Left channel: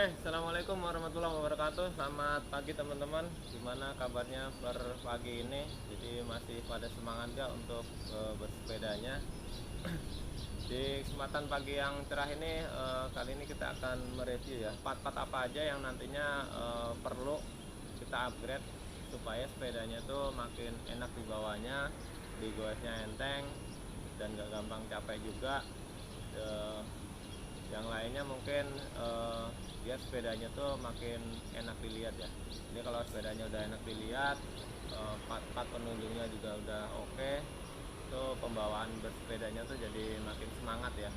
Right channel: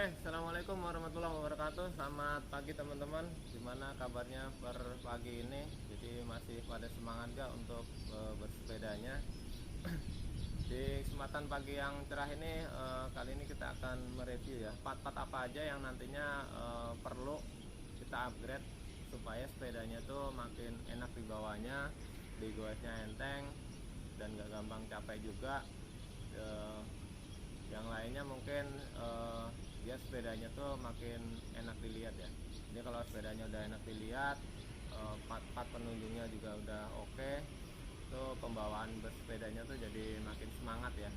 Oke, assalamualaikum warahmatullahi wabarakatuh. Selamat pagi teman-teman. Gimana kabarnya per pagi ini? Jadi masih pada semangat gak untuk bersepedanya? Di kesempatan pagi yang cerah ini, kali ini kita akan mereview ya part-part apa aja yang nantinya perlu kita upgrade supaya sepedanya tuh makin enak dibawanya, digoesnya enteng dan gak gampang capek juga. Yang lainnya mungkin biar sepedanya tuh makin enak dilihat ya. Jadi kalau sepedanya udah enak dilihat, part-part penunjungnya juga udah oke, tuh pembawaan bersepedanya tuh jadi makin semangat ya.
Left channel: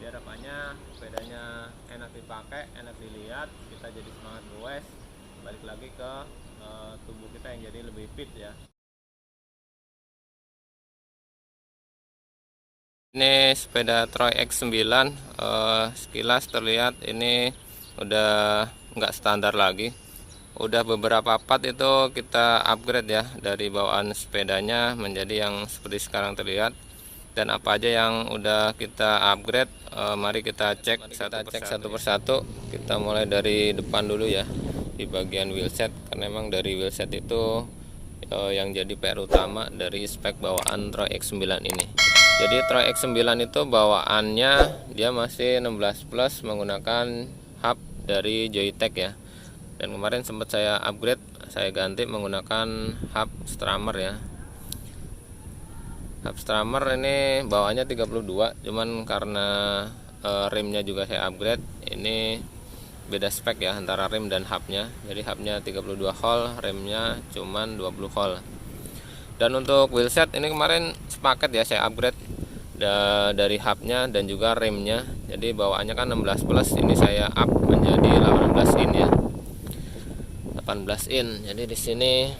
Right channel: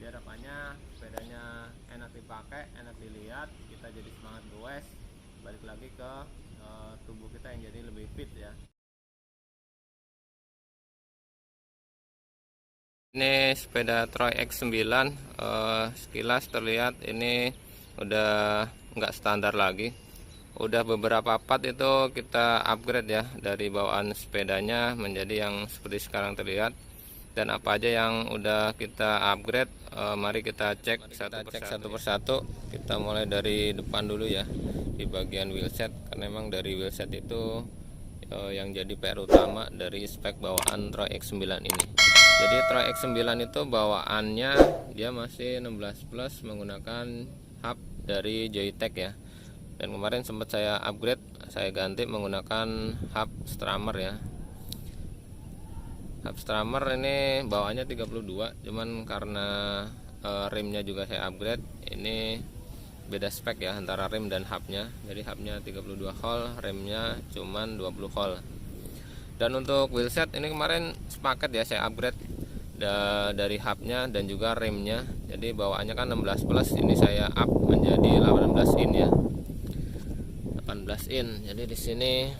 Biar harapannya sepedanya enak dipakai, enak dilihat, kita jadi semangat goes, balik lagi ke tubuh kita yang jadi lebih fit ya. Ini sepeda Troy X9, sekilas terlihat ini udah nggak standar lagi. Udah beberapa part itu kita upgrade ya, dari bawaan sepedanya menjadi yang seperti sekarang terlihat. Dan apa aja yang udah kita upgrade, mari kita cek satu persatu. Kita mulai dari depan dulu ya, di bagian wheelset, karena memang dari wheelset itu yang jadi PR utama dari spek bawaan Troy X9 ini. Jadi Troy X9 itu bawaannya dia masih 16 plus menggunakan hub dari Joytech ya. Dan kemarin sempat saya upgrade, saya ganti menggunakan hub Strammer ya. Hub Strammer ini bawaannya 32, cuman karena rimnya juga saya upgrade, ini beda spek ya antara rim dan hubnya. Jadi hubnya 32 hole, remnya cuman 20 hole. Dan untuk wheelset ini kemarin sepaket ya, saya upgrade dari hubnya dan juga remnya. Jadi bawaannya kan 16 plus, ini saya up menjadi 18 in ya. 18 in. Jadi di sini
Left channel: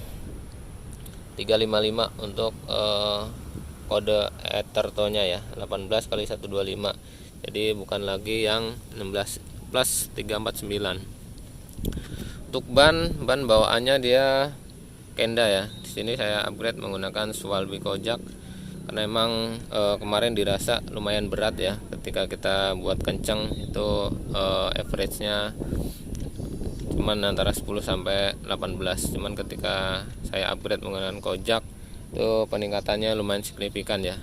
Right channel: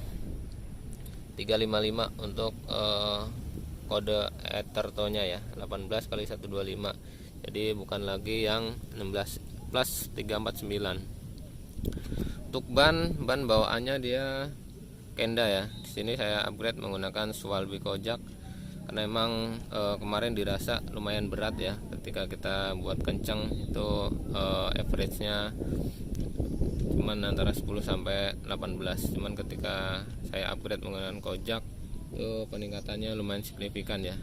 355 untuk kode Etherto-nya ya, 18 kali 125. Jadi bukan lagi yang 16 plus 349. Untuk ban bawaannya dia Kenda ya. Di sini saya upgrade menggunakan Swalby Kojak karena emang kemarin dirasa lumayan berat ya ketika kita buat kenceng. Itu average-nya cuman antara 10 sampai 18. Cuman ketika saya upgrade menggunakan Kojak, itu peningkatannya lumayan signifikan ya.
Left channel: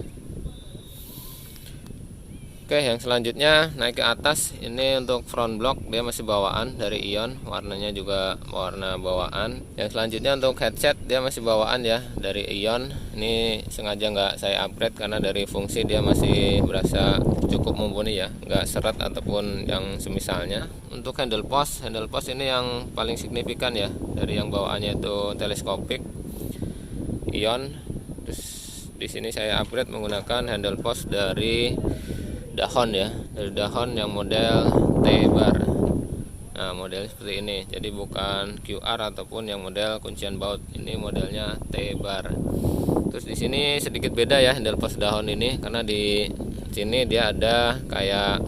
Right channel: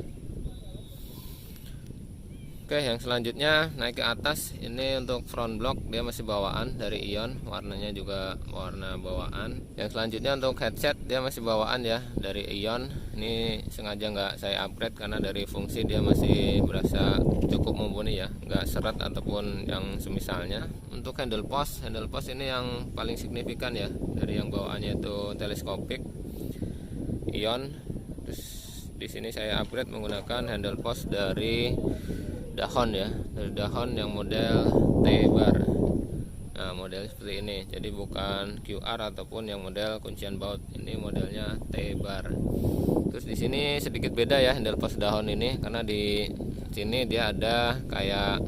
Oke, yang selanjutnya naik ke atas. Ini untuk front block, dia masih bawaan dari Ion, warnanya juga warna bawaan. Yang selanjutnya untuk headset, dia masih bawaan ya dari Ion. Ini sengaja nggak saya upgrade karena dari fungsi dia masih berasa cukup mumpuni ya, nggak seret ataupun yang semisalnya. Untuk handle post ini yang paling signifikan ya, dari yang bawaannya itu teleskopik Ion. Terus di sini saya upgrade menggunakan handle post dari Dahon ya, dari Dahon yang model T-bar. Nah, model seperti ini. Jadi bukan QR ataupun yang model kuncian baut. Ini modelnya T-bar. Terus di sini sedikit beda ya handle post Dahon ini, karena di sini dia ada kayak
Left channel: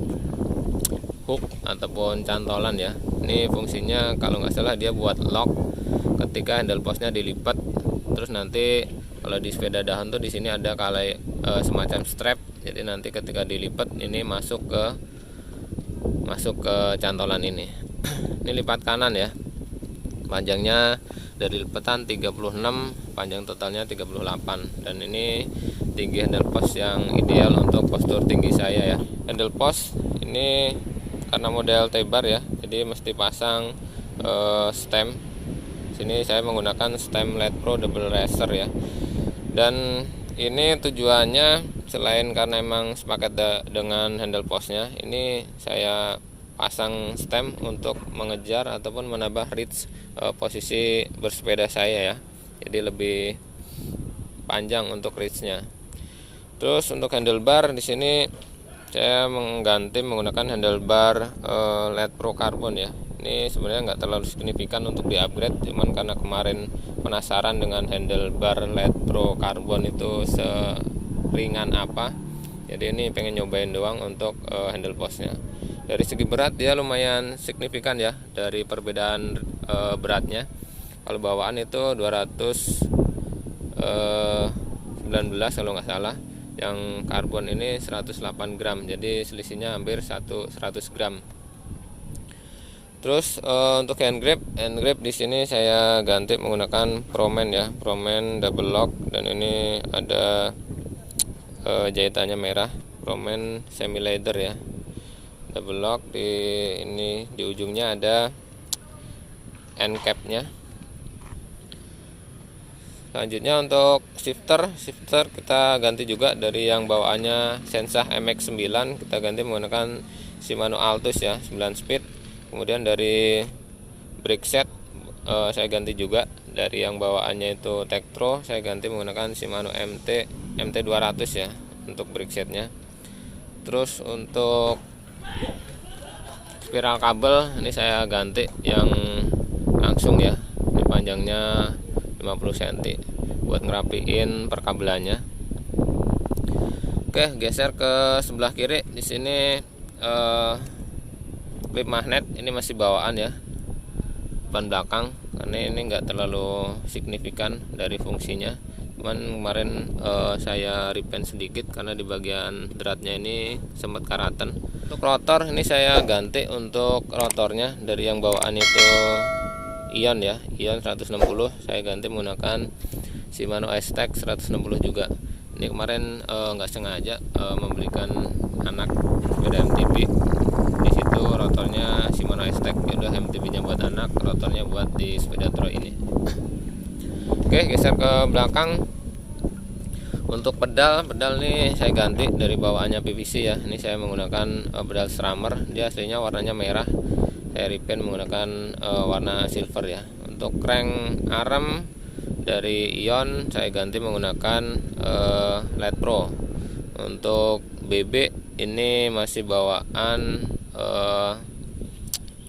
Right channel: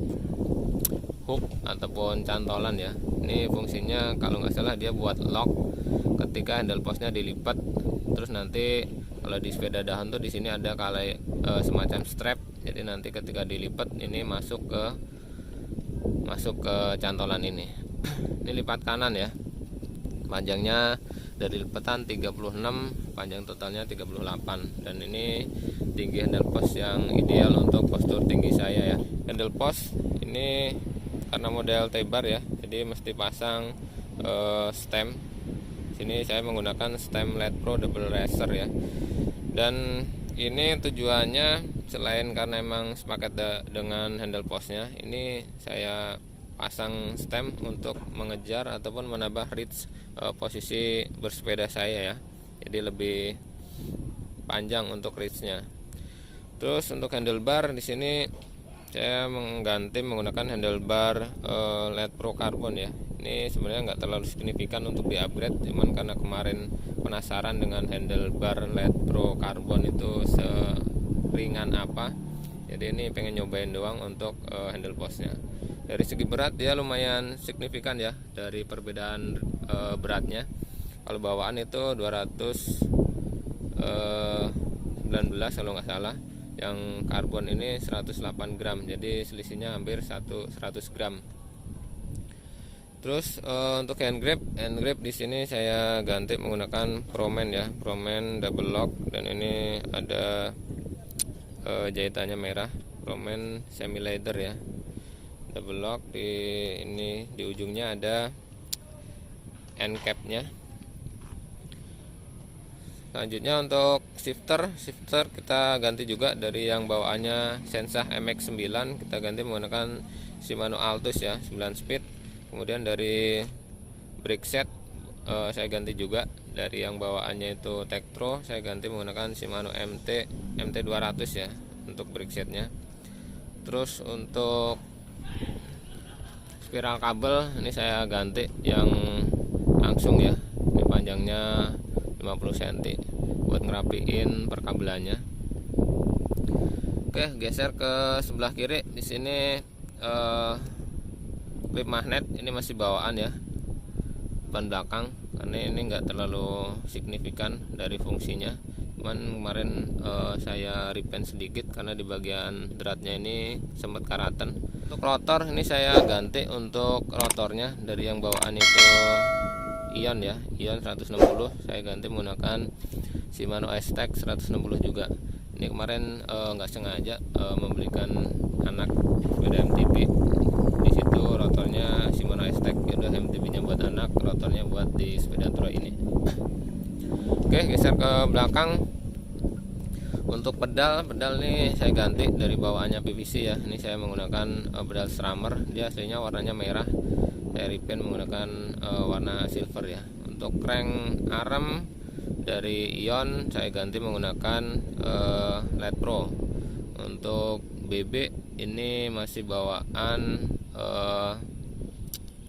hook ataupun cantolan ya. Ini fungsinya kalau nggak salah dia buat lock ketika handle postnya dilipat. Terus nanti kalau di sepeda Dahon tuh di sini ada kayak semacam strap. Jadi nanti ketika dilipat ini masuk ke cantolan ini. Ini lipat kanan ya. Panjangnya dari lipatan 36, panjang totalnya 38. Dan ini tinggi handle post yang ideal untuk postur tinggi saya ya. Handle post ini karena model T-bar ya, jadi mesti pasang stem. Sini saya menggunakan stem LED Pro Double Racer ya. Dan ini tujuannya selain karena emang sepaket dengan handle postnya, ini saya pasang stem untuk mengejar ataupun menambah reach posisi bersepeda saya ya. Jadi lebih panjang untuk reachnya. Terus untuk handlebar di sini saya mengganti menggunakan handlebar LED Pro Carbon ya. Ini sebenarnya nggak terlalu signifikan untuk di upgrade, cuman karena kemarin penasaran dengan handlebar LED Pro Carbon itu seringan apa, jadi ini pengen nyobain doang untuk handle postnya. Dari segi berat dia lumayan signifikan ya, dari perbedaan beratnya. Kalau bawaan itu 219 kalau nggak salah, yang karbon ini 108 gram, jadi selisihnya hampir 100 gram. Terus untuk hand grip di sini saya ganti menggunakan Promen ya, Promen double lock, dan ini ada jahitannya merah, Promen semi leather ya, double lock. Di ujungnya ada end capnya. Selanjutnya untuk shifter kita ganti juga dari yang bawaannya Sensah MX9, kita ganti menggunakan Shimano Altus ya, 9 speed. Kemudian dari brake set saya ganti juga dari yang bawaannya itu Tektro, saya ganti menggunakan Shimano MT200 ya untuk brake setnya. Terus untuk spiral kabel ini saya ganti yang langsung ya, ini panjangnya 50 cm buat ngerapiin perkabelannya. Oke, geser ke sebelah kiri. Di sini klip magnet ini masih bawaan ya, depan belakang, karena ini enggak terlalu signifikan dari fungsinya. Cuman kemarin saya repaint sedikit karena di bagian dratnya ini sempat karatan. Untuk rotor ini saya ganti untuk rotornya dari yang bawaan itu Ion ya, Ion 160, saya ganti menggunakan Shimano S-Tech 160 juga. Ini kemarin nggak sengaja membelikan anak sepeda MTB, di situ rotornya Shimano S-Tech, udah MTB-nya buat anak, rotornya buat di sepeda Tro ini. Oke, geser ke belakang. Untuk pedal nih saya ganti dari bawaannya PVC ya. Ini saya menggunakan pedal Strammer, dia aslinya warnanya merah, saya repaint menggunakan warna silver ya. Untuk crank arm dari Ion saya ganti menggunakan LED Pro. Untuk BB ini masih bawaan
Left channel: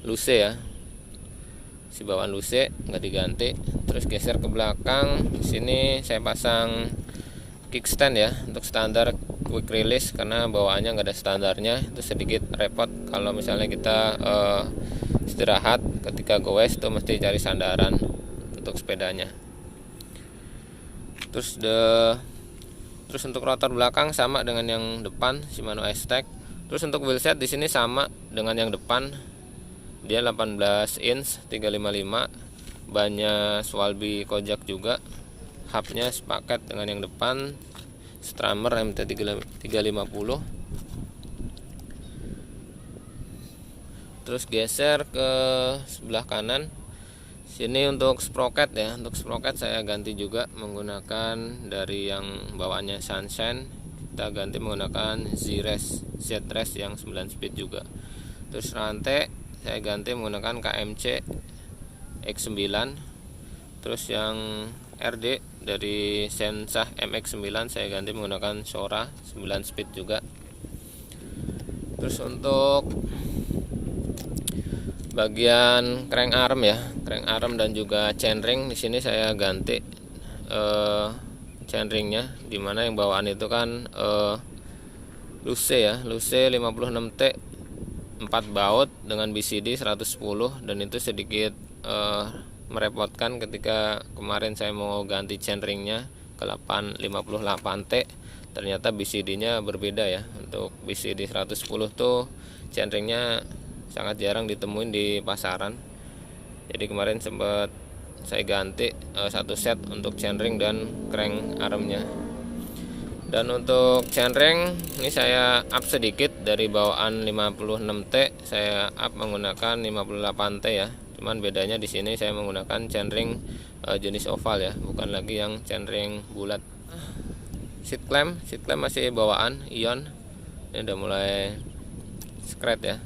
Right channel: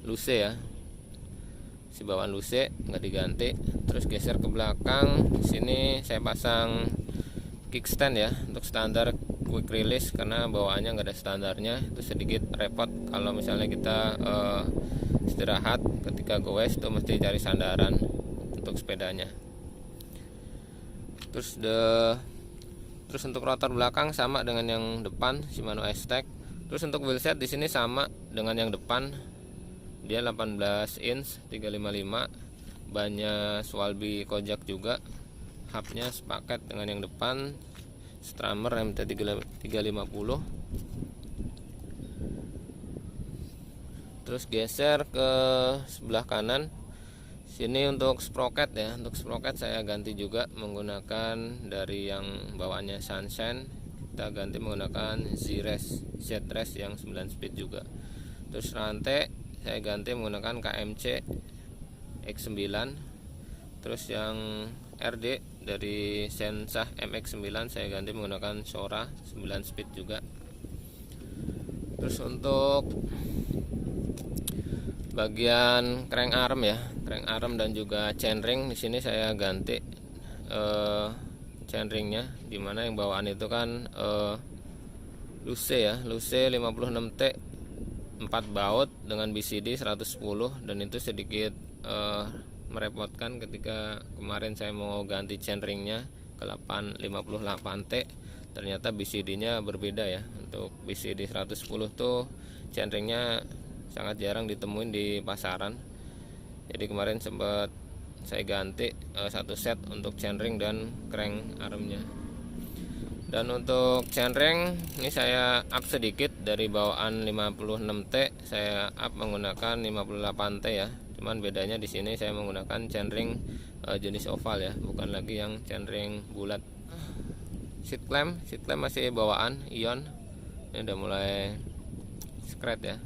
Luce ya, si bawaan Luce, nggak diganti. Terus geser ke belakang, di sini saya pasang kickstand ya untuk standar quick release, karena bawaannya nggak ada standarnya, itu sedikit repot kalau misalnya kita istirahat, ketika goes tuh mesti cari sandaran untuk sepedanya. Terus untuk rotor belakang sama dengan yang depan Shimano S-Tech. Terus untuk wheelset di sini sama dengan yang depan, dia 18 inch 355, bannya Swalby Kojak juga, hubnya sepaket dengan yang depan, Strammer MT350. Terus geser ke sebelah kanan, sini untuk sprocket ya, untuk sprocket saya ganti juga menggunakan dari yang bawaannya Sunshine, kita ganti menggunakan Z-Race yang 9 speed juga. Terus rantai saya ganti menggunakan KMC X9. Terus yang RD dari Sensah MX9 saya ganti menggunakan Shora 9 speed juga. Terus untuk bagian crank arm ya, crank arm dan juga chainring di sini saya ganti chainringnya, dimana yang bawaan itu kan Luce ya, Luce 56T 4 baut dengan BCD 110, dan itu sedikit merepotkan ketika kemarin saya mau ganti chainringnya ke 58T, ternyata BCD-nya berbeda ya. Untuk BCD 110 tuh chainringnya sangat jarang ditemuin di pasaran, jadi kemarin sempat saya ganti satu set untuk chainring dan crank armnya. Dan untuk chainring ini saya up sedikit, dari bawaan 56T saya up menggunakan 58T ya. Cuman bedanya di sini saya menggunakan chainring jenis oval ya, bukan lagi yang chainring bulat. Seat clamp masih bawaan Ion, ini udah mulai scratch ya,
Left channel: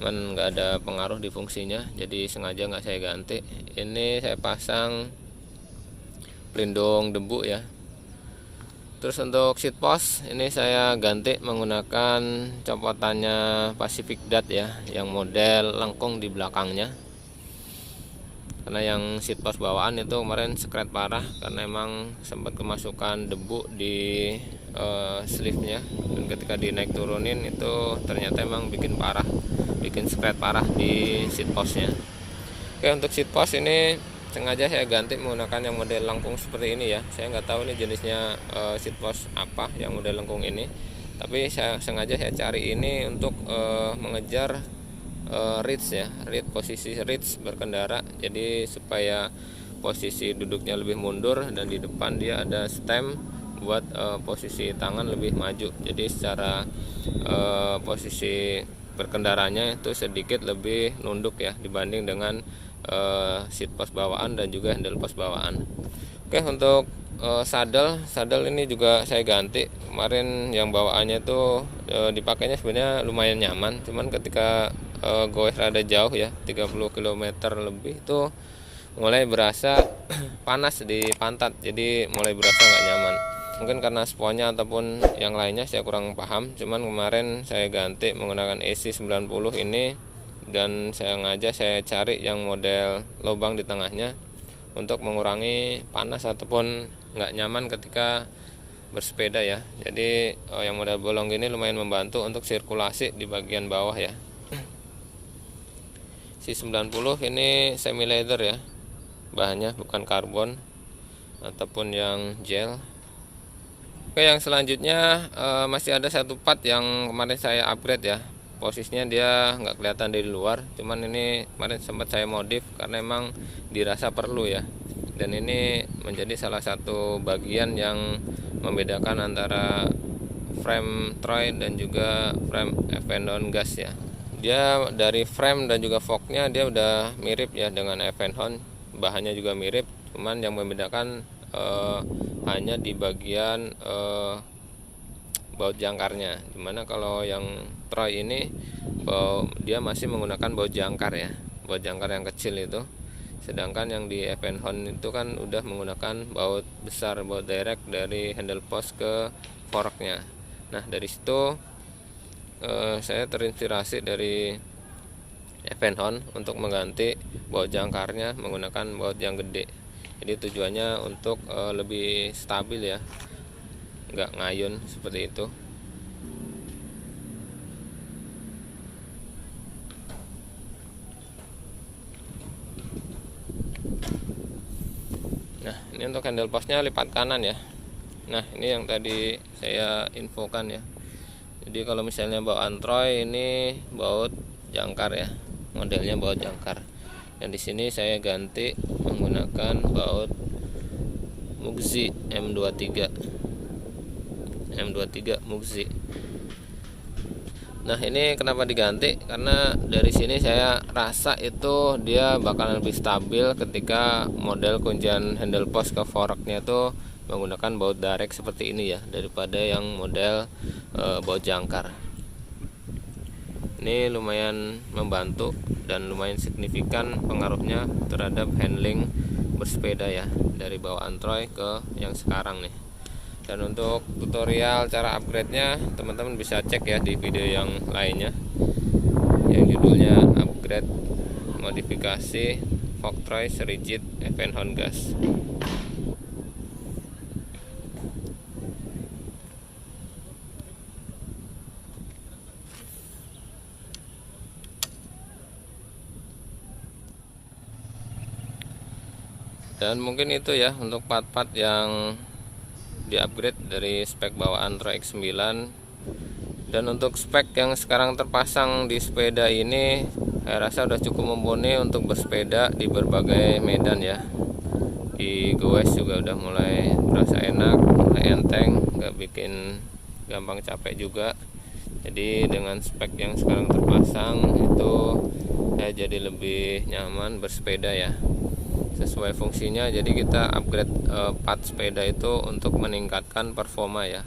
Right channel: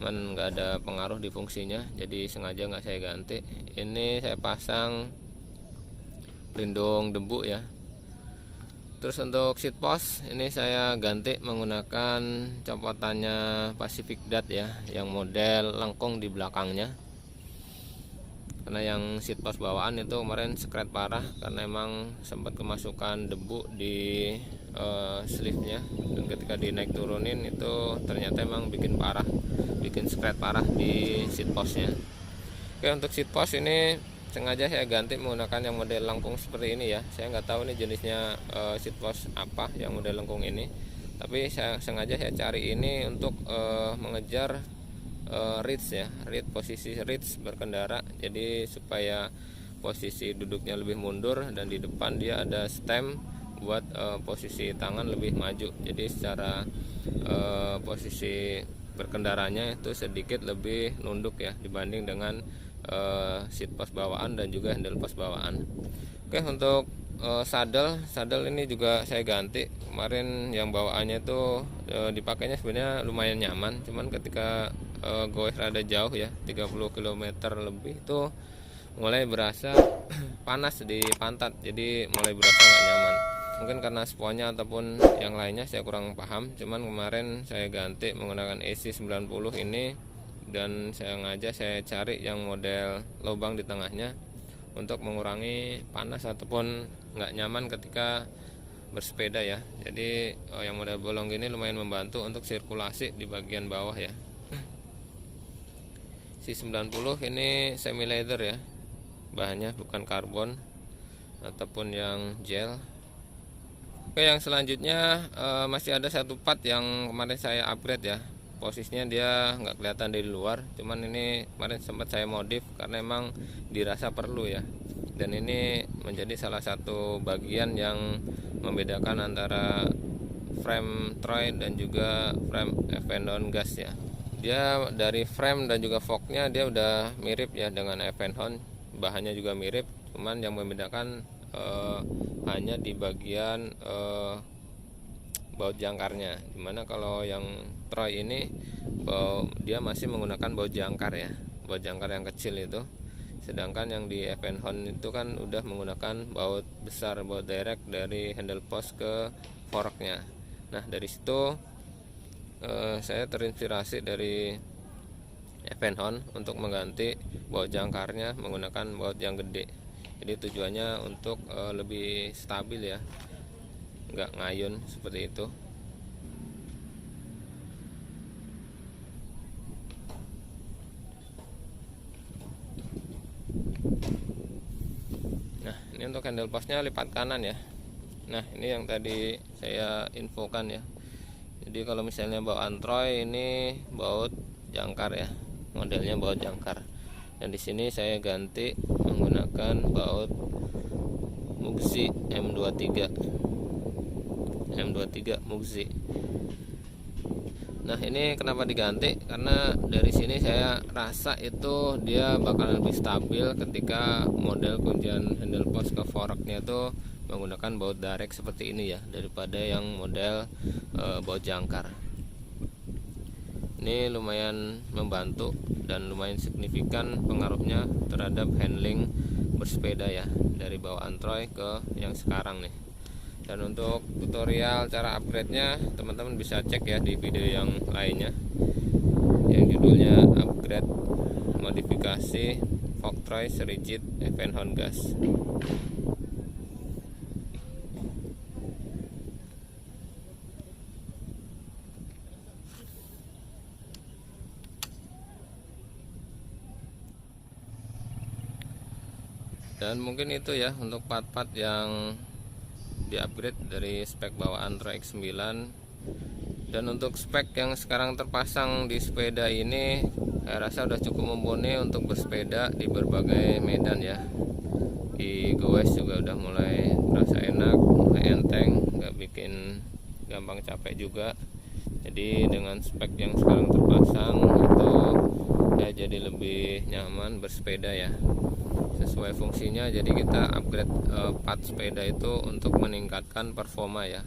cuman nggak ada pengaruh di fungsinya, jadi sengaja nggak saya ganti. Ini saya pasang pelindung debu ya. Terus untuk seat post ini saya ganti menggunakan copotannya Pacific Dot ya, yang model lengkung di belakangnya, karena yang seat post bawaan itu kemarin scratch parah karena emang sempat kemasukan debu di sleeve-nya, dan ketika dinaik turunin itu ternyata emang bikin scratch parah di seat postnya. Oke, untuk seat post ini sengaja saya ganti menggunakan yang model lengkung seperti ini ya. Saya nggak tahu ini jenisnya seat post apa yang model lengkung ini, tapi sengaja saya cari ini untuk mengejar reach ya, posisi reach berkendara. Jadi supaya posisi duduknya lebih mundur, dan di depan dia ada stem buat posisi tangan lebih maju. Jadi secara posisi berkendaranya itu sedikit lebih nunduk ya dibanding dengan seat post bawaan dan juga handle post bawaan. Oke, untuk saddle ini juga saya ganti. Kemarin yang bawaannya itu dipakainya sebenarnya lumayan nyaman, cuman ketika goes rada jauh ya, 30 km lebih, itu mulai berasa panas di pantat, jadi mulai berasa nggak nyaman. Mungkin karena sponnya ataupun yang lainnya saya kurang paham, cuman kemarin saya ganti menggunakan AC90 ini, dan saya cari yang model lubang di tengahnya untuk mengurangi panas ataupun nggak nyaman ketika bersepeda ya. Jadi yang model bolong gini lumayan membantu untuk sirkulasi di bagian bawah ya. C90 ini semi leather ya, bahannya bukan karbon ataupun yang gel. Oke, yang selanjutnya masih ada satu part yang kemarin saya upgrade ya. Posisinya dia nggak kelihatan dari luar, cuman ini kemarin sempat saya modif karena emang dirasa perlu ya. Dan ini menjadi salah satu bagian yang membedakan antara frame Troy dan juga frame Evenhound gas ya. Dia dari frame dan juga forknya dia udah mirip ya dengan Evenhound, bahannya juga mirip, cuman yang membedakan hanya di bagian baut jangkarnya. Dimana kalau yang Troy ini dia masih menggunakan baut jangkar ya, baut jangkar yang kecil itu. Sedangkan yang di Evenhound itu kan udah menggunakan baut besar, baut direct dari handle post ke forknya. Nah, dari situ saya terinspirasi dari Evenhound untuk mengganti baut jangkarnya menggunakan baut yang gede. Jadi tujuannya untuk lebih stabil ya, nggak ngayun seperti itu. Nah, ini untuk handle postnya lipat kanan ya. Nah, ini yang tadi saya infokan ya. Jadi kalau misalnya bawaan Troy ini baut jangkar ya, modelnya baut jangkar. Dan di sini saya ganti menggunakan baut Muxi M23 Muxi. Nah, ini kenapa diganti? Karena dari sini saya rasa itu dia bakalan lebih stabil ketika model kuncian handle post ke forknya itu menggunakan baut direct seperti ini ya, daripada yang model baut jangkar. Ini lumayan membantu dan lumayan signifikan pengaruhnya terhadap handling bersepeda ya, dari bawaan Troy ke yang sekarang nih. Dan untuk tutorial cara upgrade-nya teman-teman bisa cek ya di video yang lainnya yang judulnya upgrade modifikasi fork Troy Rigid Evenhound gas. Dan mungkin itu ya untuk part-part yang di-upgrade dari spek bawaan Troy X9. Dan untuk spek yang sekarang terpasang di sepeda ini saya rasa udah cukup mumpuni untuk bersepeda di berbagai medan ya. Di goes juga udah mulai terasa enak, mulai enteng, nggak bikin gampang capek juga. Jadi dengan spek yang sekarang terpasang itu ya jadi lebih nyaman bersepeda ya, sesuai fungsinya. Jadi kita upgrade part sepeda itu untuk meningkatkan performa ya,